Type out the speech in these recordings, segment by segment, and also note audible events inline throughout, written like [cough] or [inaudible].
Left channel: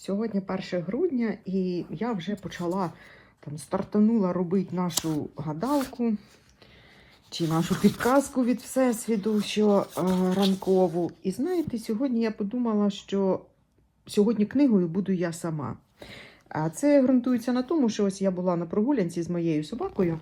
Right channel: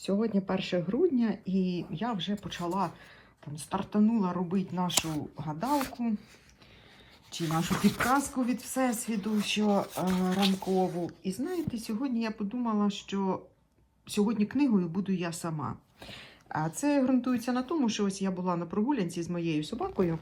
Сьогодні 1 грудня, і я вже почала там стартанула робити нашу гадалку чи нашу підказку від Всесвіту, що е, ранкову. І знаєте, сьогодні я подумала, що сьогодні книгою буду я сама. А це ґрунтується на тому, що ось я була на прогулянці з моєю собакою.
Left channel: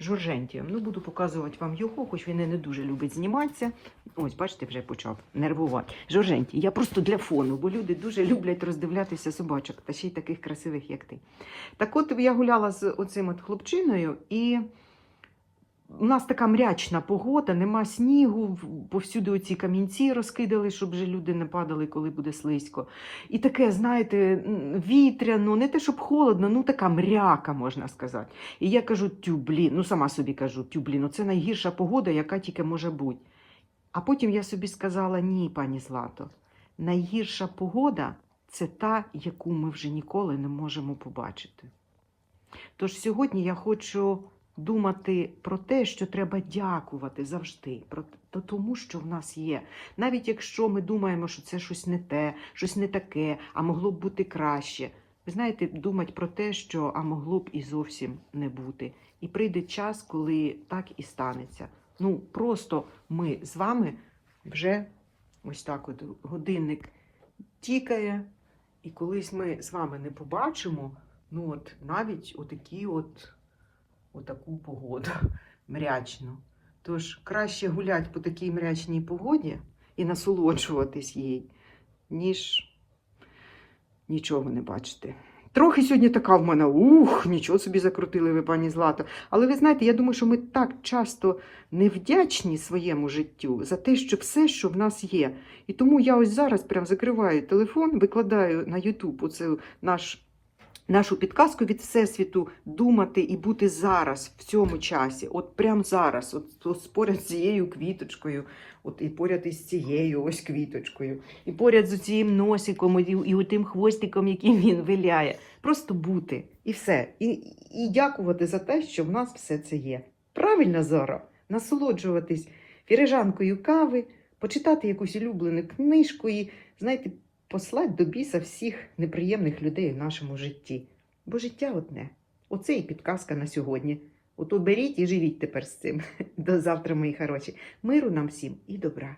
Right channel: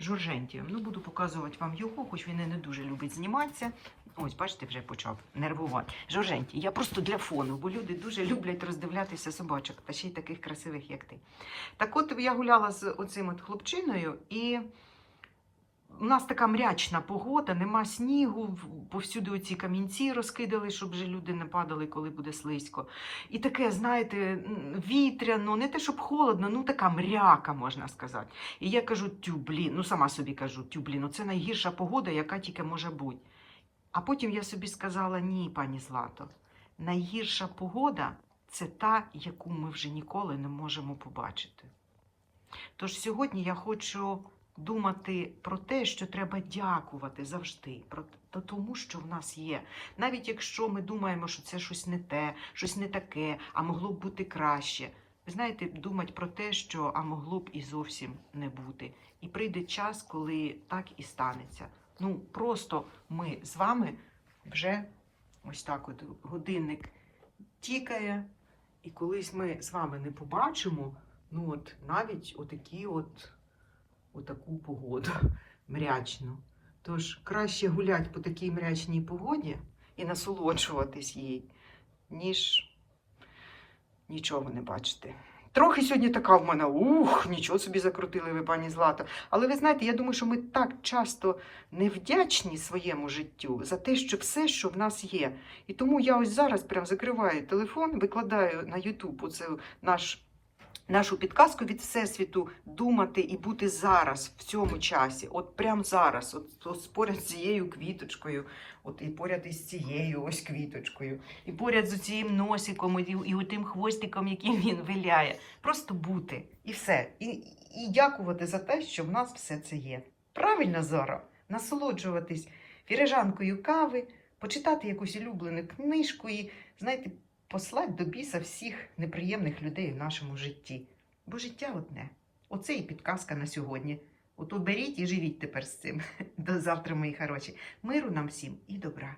Жоржентієм. Ну, буду показувати вам його, хоч він і не дуже любить зніматися. Ось, бачите, вже почав нервувати. Жоржентій, я просто для фону, бо люди дуже люблять роздивлятися собачок, та ще й таких красивих, як ти. Так от я гуляла з оцим от хлопчиною, і у нас така мрячна погода, нема снігу, повсюди оці камінці розкидали, щоб вже люди не падали, коли буде слизько. І таке, знаєте, вітряно, не те, щоб холодно, ну така мряка, можна сказати. І я кажу, тю, блін, ну сама собі кажу, тю, блін, ну це найгірша погода, яка тільки може бути. А потім я собі сказала, ні, пані Злато, найгірша погода це та, яку ми вже ніколи не можемо побачити. Тож сьогодні я хочу думати про те, що треба дякувати завжди, про то тому, що в нас є. Навіть якщо ми думаємо, що це щось не те, щось не таке, а могло б бути краще. Ви знаєте, думати про те, що а могло б і зовсім не бути. І прийде час, коли так і станеться. Ну, просто ми з вами вже ось так от годинник тікає, і колись ми з вами не побачимо, ну от навіть отакі от, отаку погоду [laughs] мрячну. Тож краще гуляти по такій мрячній погоді і насолоджуватись їй, ніж нічого не бачити. Трохи сьогодні така в мене, ух, нічого собі закрутили ви, пані Злата. Але ви знаєте, я думаю, що ми так часто невдячні своєму життю за те, що все, що в нас є. І тому я ось зараз прям закриваю телефон, викладаю на YouTube оце наш, нашу підказку від Всесвіту думати і бути зараз, в цьому часі, от прямо зараз, от, от поряд з цією квіточкою, от і поряд із цією ось квіточкою, і поряд з цим носиком, і, і отим хвостиком, який він виляє. Просто бути і все. І, і дякувати за те, що в нас все це є. Правильно, Зора? Насолоджуватись фірижанкою кави, почитати якусь улюблену книжку і, знаєте, послати до біса всіх неприємних людей в нашому житті. Бо життя одне. Оце і підказка на сьогодні. Ото беріть і живіть тепер з цим. [laughs] До завтра, мої хороші. Миру нам всім і добра.